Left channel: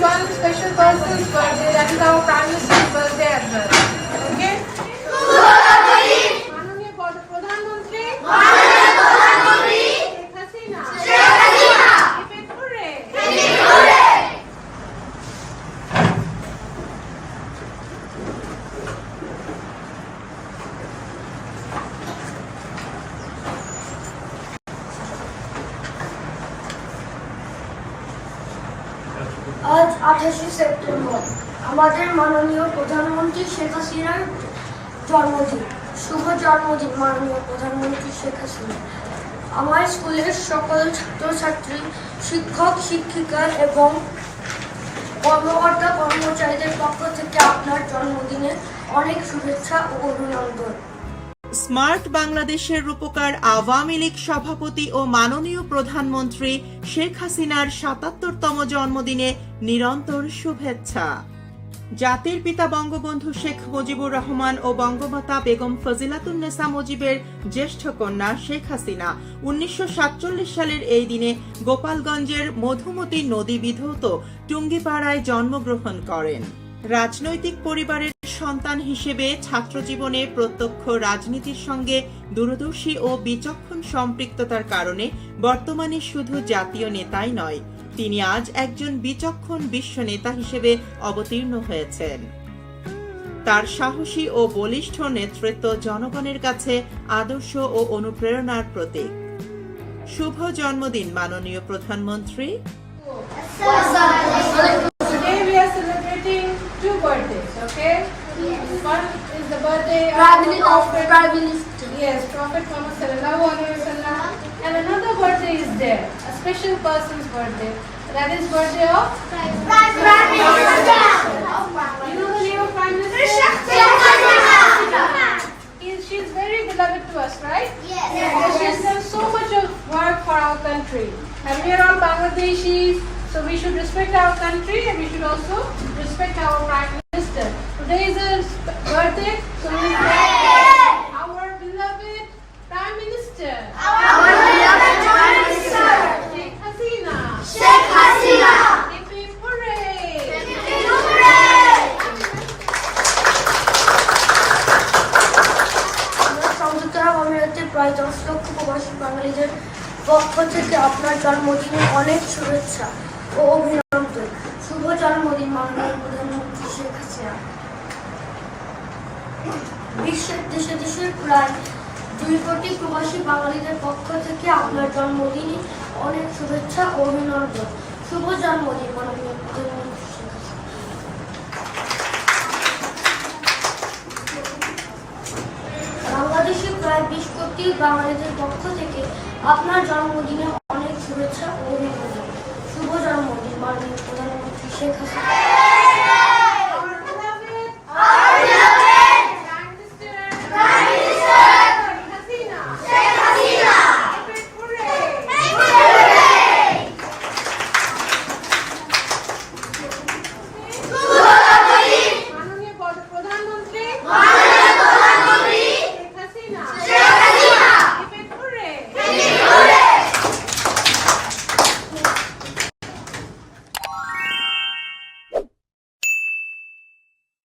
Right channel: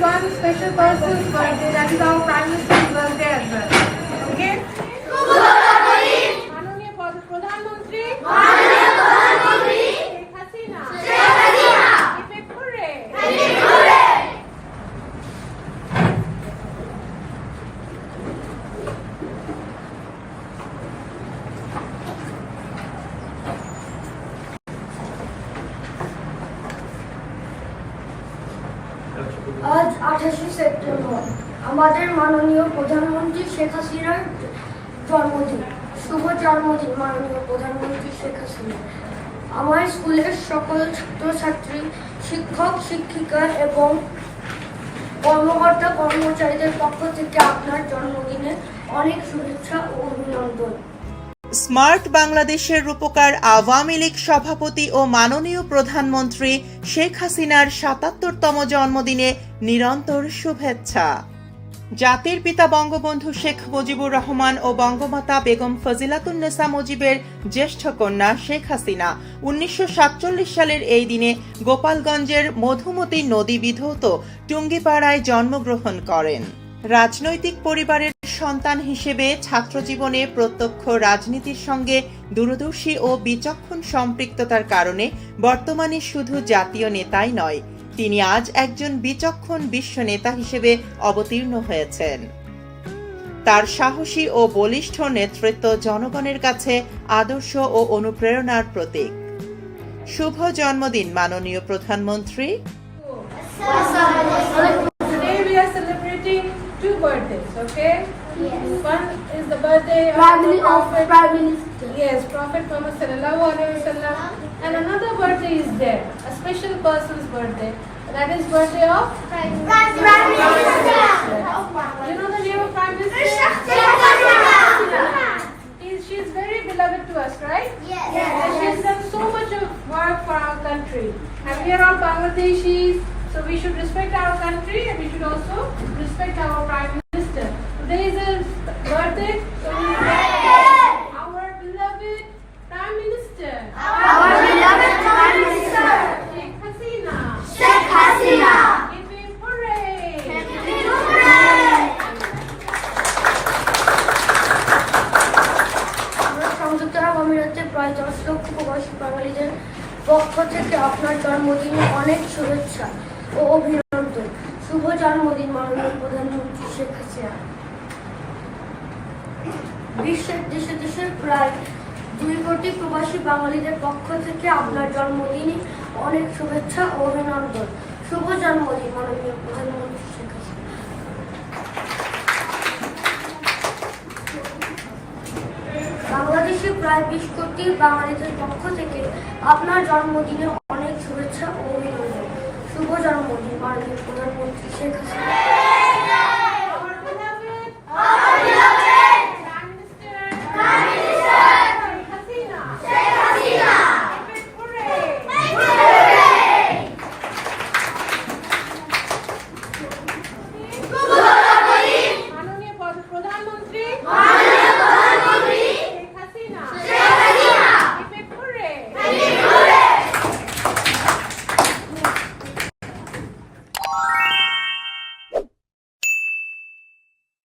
one special person birthday, for Ravi Rao Prime as well. আজ আঠাশে September. আমাদের মাননীয় প্রধানমন্ত্রী শেখ হাসিনার জন্মদিন। শুভ জন্মদিন, মাননীয় প্রধানমন্ত্রী শেখ হাসিনা। আমার স্কুলের সকল ছাত্রছাত্রী, শিক্ষক, শিক্ষিকা এবং কর্মকর্তা, কর্মচারীদের পক্ষ থেকে আপনার জন্মদিনে অনেক শুভেচ্ছা ও অভিনন্দন। স্মার্ট বাংলাদেশের রূপকার আওয়ামী লীগ সভাপতি ও মাননীয় প্রধানমন্ত্রী শেখ হাসিনার সাতাত্তরতম জন্মদিনে নিরন্তর শুভেচ্ছা। জাতির পিতা বঙ্গবন্ধু শেখ মুজিবুর রহমান ও বঙ্গমাতা বেগম ফজিলাতুন্নেসা মুজিবের জ্যেষ্ঠ কন্যা শেখ হাসিনা উনিশশো সাতচল্লিশ সালের এই দিনে গোপালগঞ্জের মধুমতি নদী বিধৌত টুঙ্গিপাড়ায় জন্মগ্রহণ করেন। রাজনৈতিক পরিবারের সন্তান হিসেবে ছাত্রজীবনে প্রত্যক্ষ রাজনীতির সঙ্গে দূরদর্শী ও বিচক্ষণ সম্পৃক্ততার কারণে বর্তমানে শুধু জাতীয় নেতাই নয়, তিনি আজ একজন বিচক্ষণ বিশ্ব নেতা হিসেবে অবতীর্ণ হয়েছেন। তার সাহসী ও বলিষ্ঠ নেতৃত্ব জনগণের কাছে আদর্শ ও অনুপ্রেরণার প্রতীক। শুভ জন্মদিন, মাননীয় প্রধানমন্ত্রী। Two birthdays, okay? Yes. One is the birthday of Prime the Minister of Prophet, Prime Minister. yes, Prophet Muhammad sallallahu alaihi wasallam, and another birthday is there, a special person's birthday. That is birthday of You know the new Prime Minister? She is very beloved to us, right? Yes. And she has done so much of work for our country. And we are all Bangladeshis, so we should respect our country and we should also respect our Prime Minister. Today is his birthday, so we our beloved Prime Minister. Sheikh Hasina. Hip hip hooray. আমরা সংযুক্ত আরব আমিরাতের প্রায় দশ লক্ষ প্রবাসী বাঙালিদের পক্ষ থেকে আপনার জন্মদিনে অনেক শুভেচ্ছা ও অভিনন্দন শুভ জন্মদিন মাননীয় প্রধানমন্ত্রী শেখ হাসিনা বিশ্বের দেশে দেশে প্রায় দুই কোটি প্রবাসী বাঙালিদের পক্ষ থেকে আপনার জন্মদিনে অনেক শুভেচ্ছা ও অভিনন্দন। শুভ জন্মদিন মাননীয় প্রধানমন্ত্রী শেখ বাংলাদেশে প্রায় বিশ কোটি বাঙালিদের পক্ষ থেকে আপনার জন্মদিনে অনেক শুভেচ্ছা ও অভিনন্দন শুভ জন্মদিন মাননীয় প্রধানমন্ত্রী শেখ হাসিনা